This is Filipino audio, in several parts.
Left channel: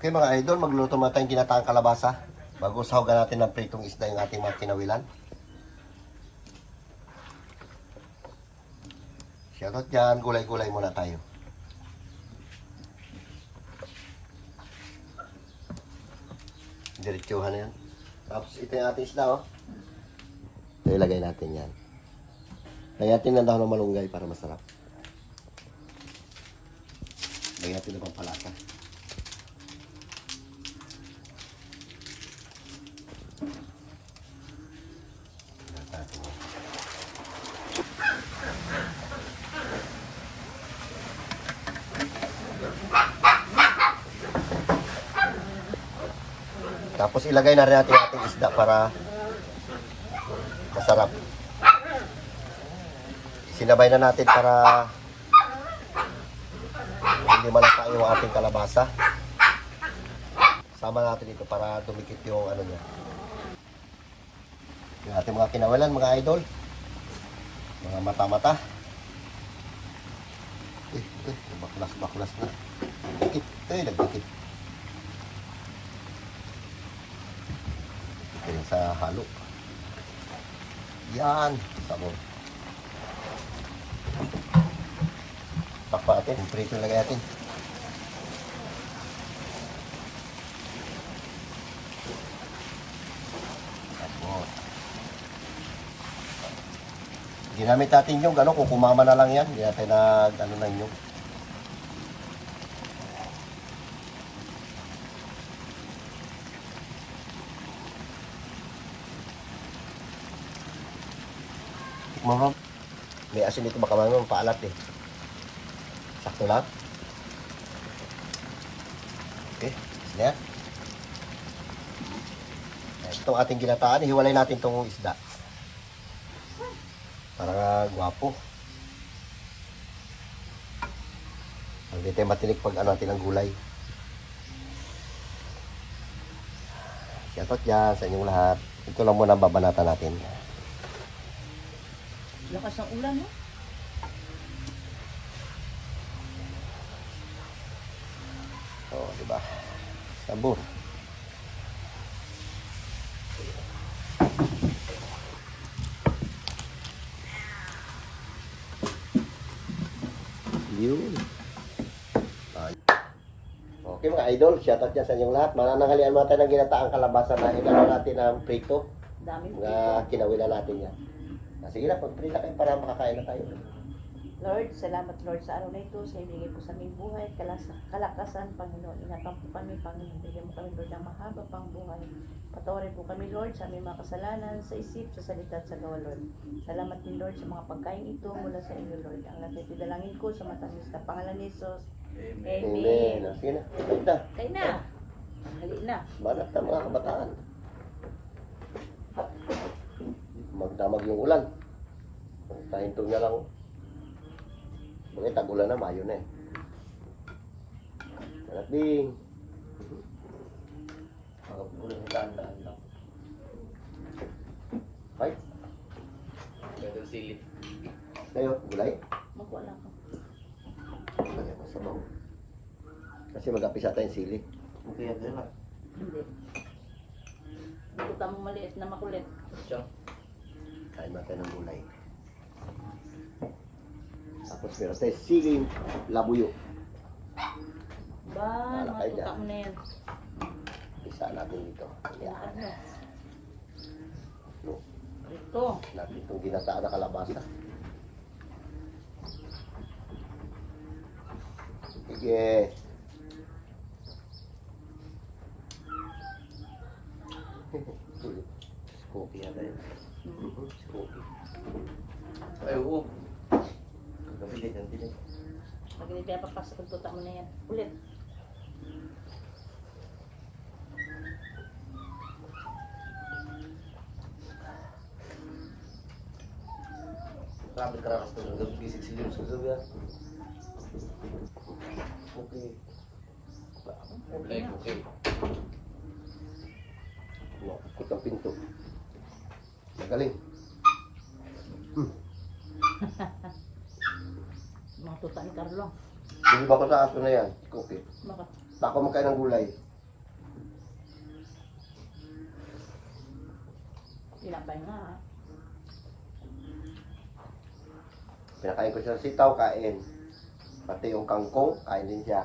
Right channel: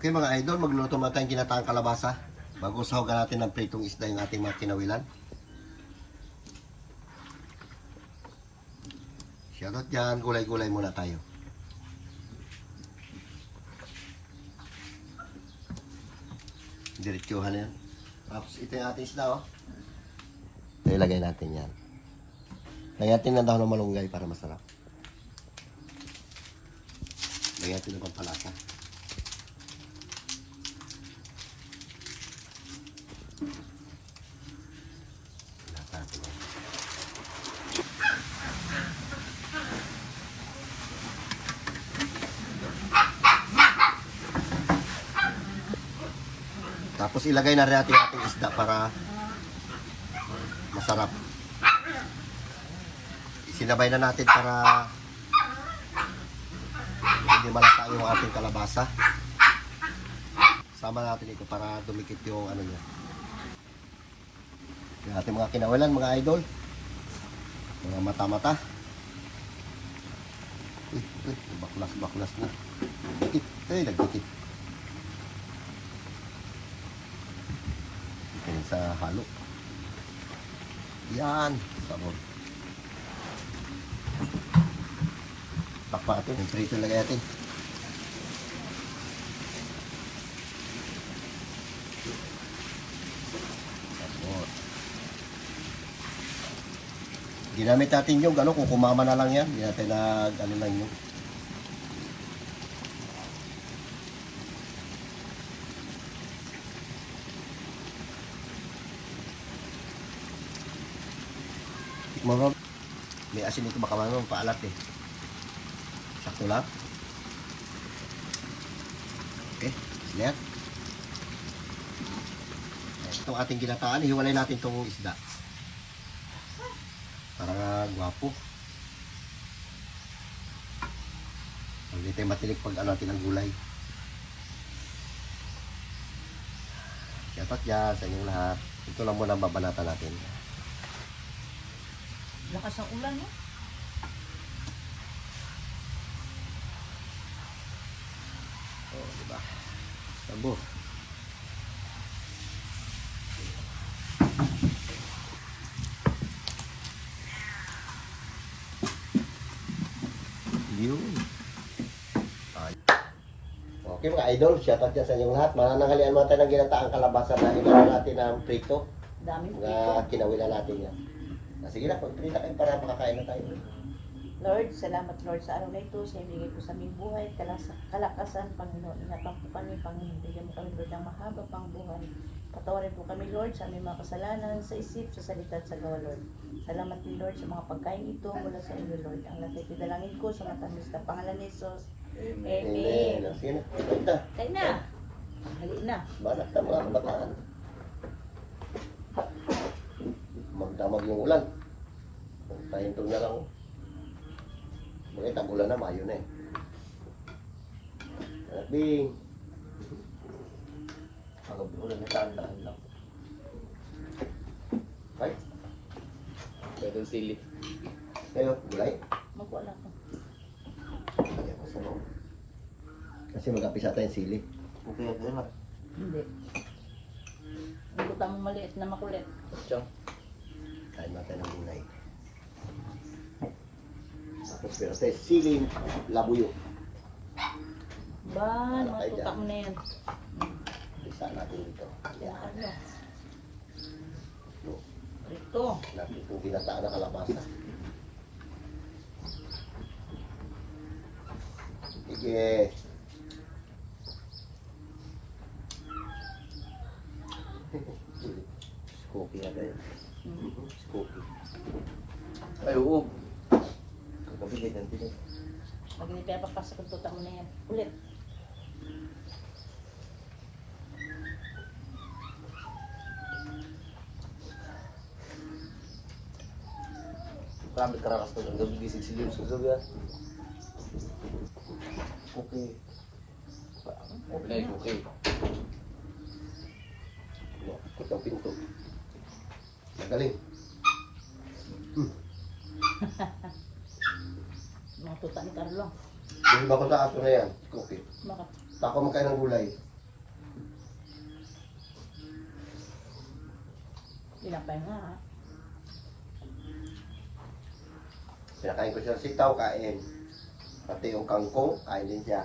Okay mga idol, magluto muna tayong ginataang kalabasa. Bago sahugan natin ng pritong isda yung ating mga kinawilan. Shoutout dyan, gulay-gulay muna tayo. Diretsuhan na yan. Tapos ito yung ating isda oh. Ito ilagay natin yan. Lagyan natin ng dahon ng malunggay para masarap. Lagyan natin ng pampalasa. Tapos ilagay na rin natin ating isda para masarap. Sinabay na natin para hindi malata yung ating kalabasa. Sama natin ito para dumikit yung ano niya. Yung ating mga kinawalan, mga idol. Mga mata-mata. Baklas na. Dikit. Nagdikit. Ito sa halo. Yan. Sabon. Pakpa natin. Yung prito lagay natin. Ginamit natin yung ano, kung kumama na lang yan, hindi natin ano lang yung. Mga may asin dito baka mga paalat eh. Sakto lang. Okay, yan. Itong ating ginataan, hiwalay natin itong isda. Para gwapo. Hindi tayo matinig pag ano natin ang gulay. Shoutout dyan sa inyong lahat. Ito lang muna babanatan natin. Lakas ang ulan, eh. Oh, diba? Sabor. Yun. Okay mga idol, shoutout dyan sa inyong lahat. Mananghalian mga tayo ng ginataang kalabasa na hinahal natin ng prito. Daming prito. Mga kinawilan natin yan. Sige na, pag-prita kayo para makakain na tayo. Lord, salamat Lord sa araw na ito. Sa ibigay po sa aming buhay, kalakasan, Panginoon. Ingatan po kami, Panginoon. Bigyan mo kami, Lord, ng mahaba pang buhay. Patawarin po kami, Lord, sa aming mga kasalanan, sa isip, sa salita at sa gawa, Lord. Salamat din, Lord, sa mga pagkain ito mula sa inyo, Lord. Ang lahat ay pinalangin ko sa matamis na pangalan ni Jesus. Amen. Sige na, kain na. Kain na. Hali na. Banat na mga kabataan. Magdamag yung ulan. Tahintong niya lang. Bakit tag-ulan na, Mayo na eh. Kalakbing. Pag-ulan na tandaan lang. Ay? Dadang silip. Kayo, gulay? Magkuha lang ko. Kaya ko sa bawang. Kasi mag-apisa tayo silip. Okay, yan na. Hindi. Hindi ko tamang maliit na makulit. Tiyo. Kain ba tayo ng gulay? Tapos meron tayo siling labuyo. Ba, Wala mga kayo tutak dyan. mo na yan. Isa natin dito. Kung ano. No. Ito. Natin itong ginataan na kalabasa. Sige. Skopi na kayo. Skopi. Ay, oo. Kagabi din, din. Pag hindi pinapapasok ang tutak mo na yan. Ulit. Grabe karakas to. Gabi gising si Jun. Susog yan. Okay. Okay. Ikot ang pinto. Magaling. Mga tutak ni Carlo. Bili ba ko sa aso na yan? Okay. Bakit? Bako magkain ng gulay. Tinapay nga ha. Pinakain ko siya ng sitaw, kain. Pati yung kangkong, kain din siya.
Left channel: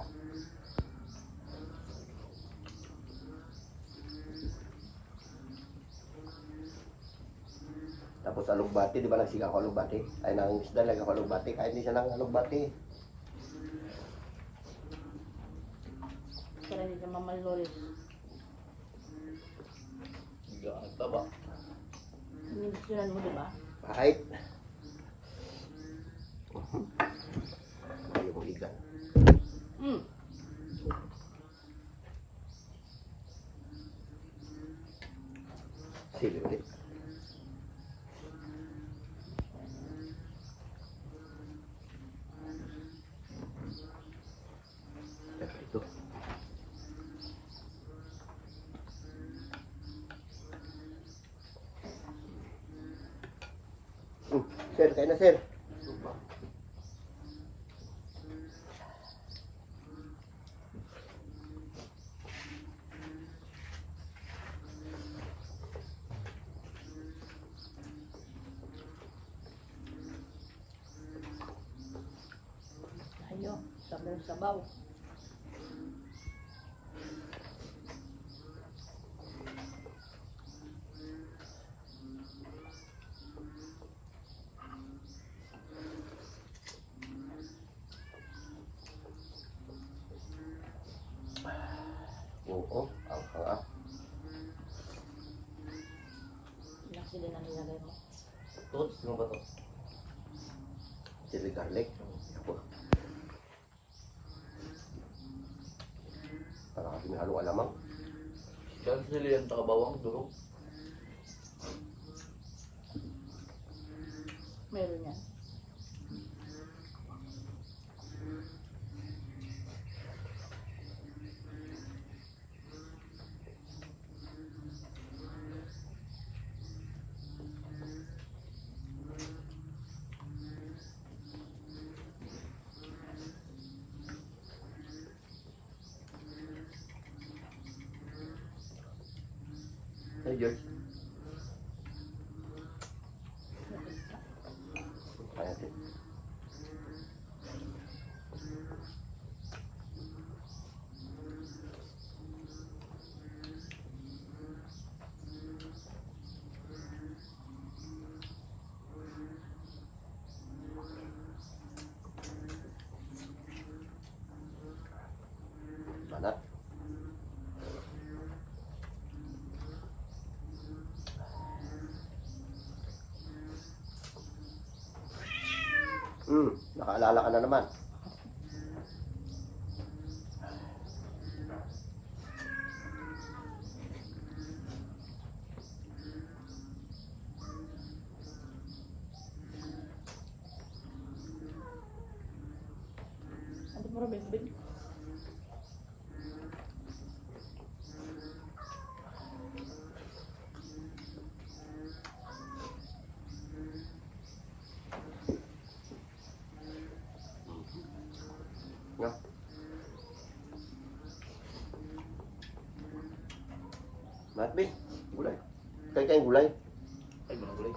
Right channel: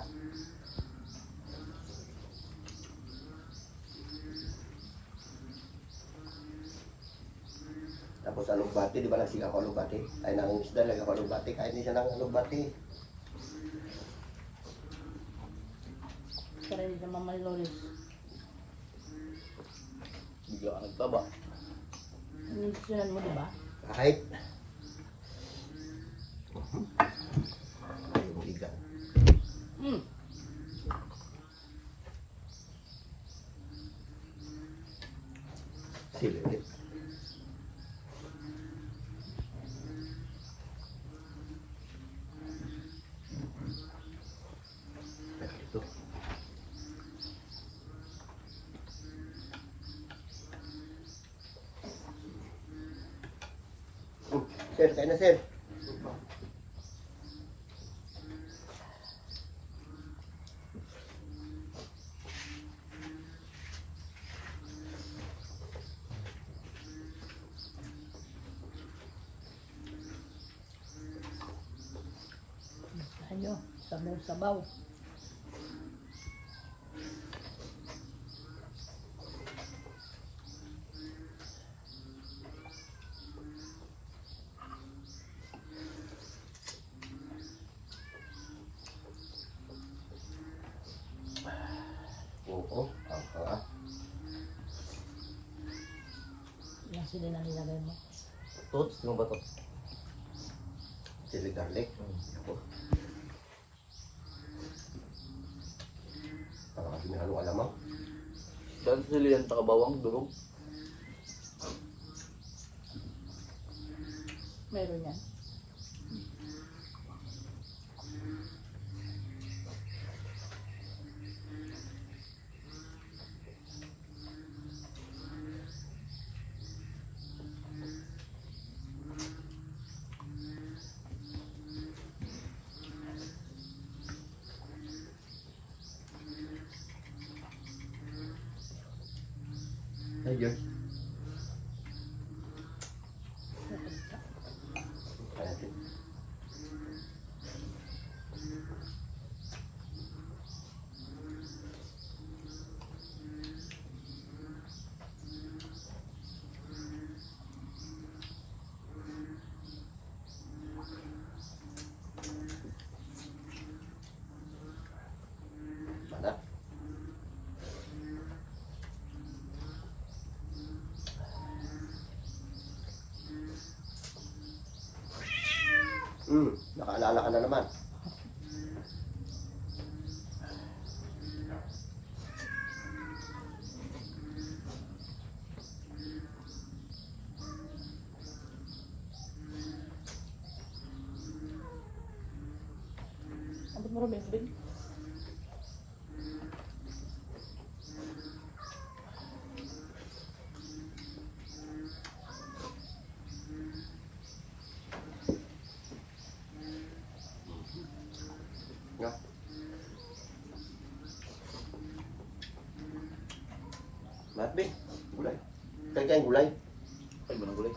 Tapos alugbati, di ba nagsigang ko alugbati? Ay nang isda, lagyan ko alugbati. Kain din siya ng alugbati. Para hindi siya mamalolis. Bigla ka nagtaba. Inisyonan mo, di ba? Kahit. Ayaw mong iga. Mm. Sige ulit. Ito. Sir, kain na sir. Tayo, sabaw-sabaw. Oo, ang hanga. Ilang sila na nilagay mo. Tots, mo ba to? Chili garlic. Ako. Para kasi may halong alamang. Saan sila yan takabawang durog? Meron yan. Hey, George. Kaya natin. Banat. Nakaalala ka na naman. Ano mo rin, Bing? Nga. Matbing, gulay. Kaya gulay. Ay, ba ng gulay?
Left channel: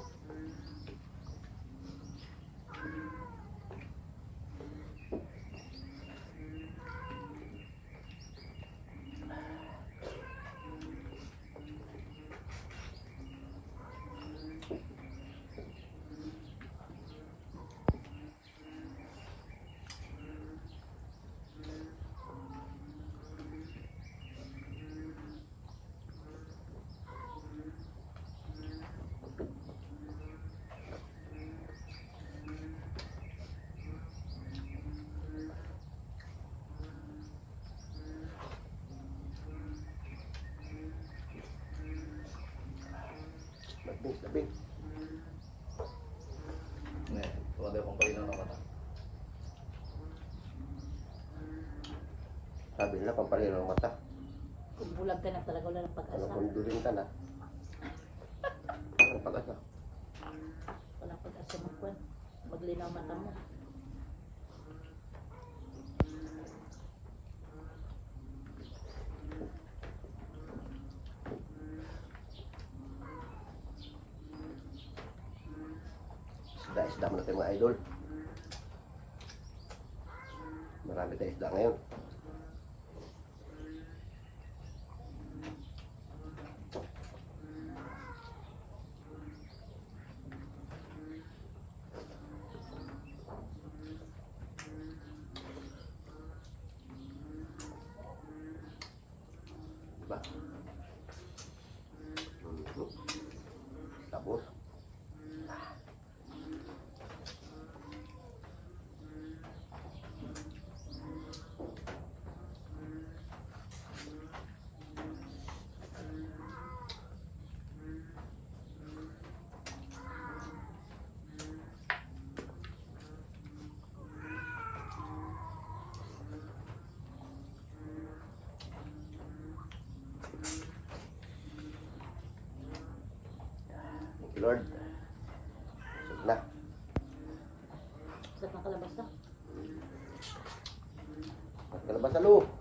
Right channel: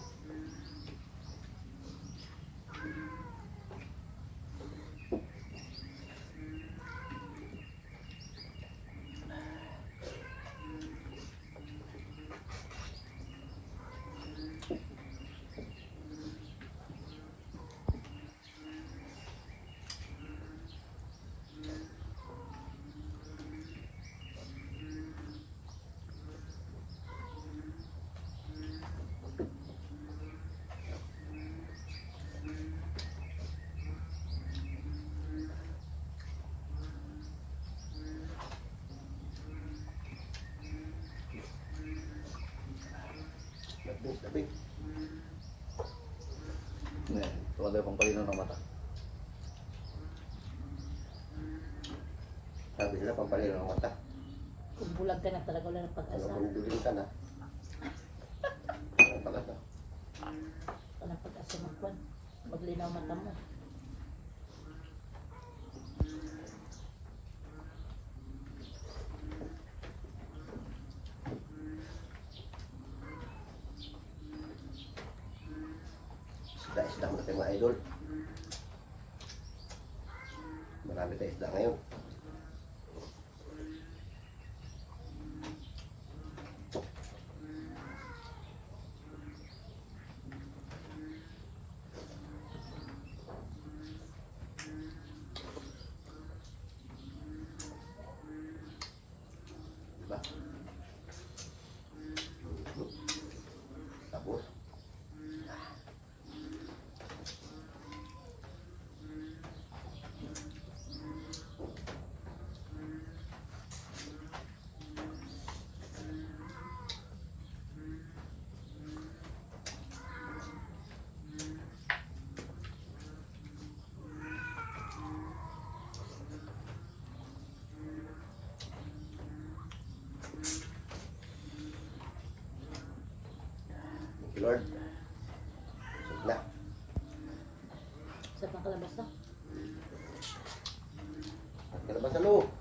Matbing, matbing. Ngayon, tumanda yung pampalino ng mata. Sabi nila, pampalino ng mata. Kung bulag ka na talaga, wala ng Ano pag-asa. kung dulin ka na? Ang pag-asa. Walang pag-asa magkwan. Maglinaw mata mo. Isda-isda muna tayo mga idol. Marami tayong isda ngayon. Diba? Tapos Lord. Sug na. Sa pangkalabas na. Kalabas sa loob.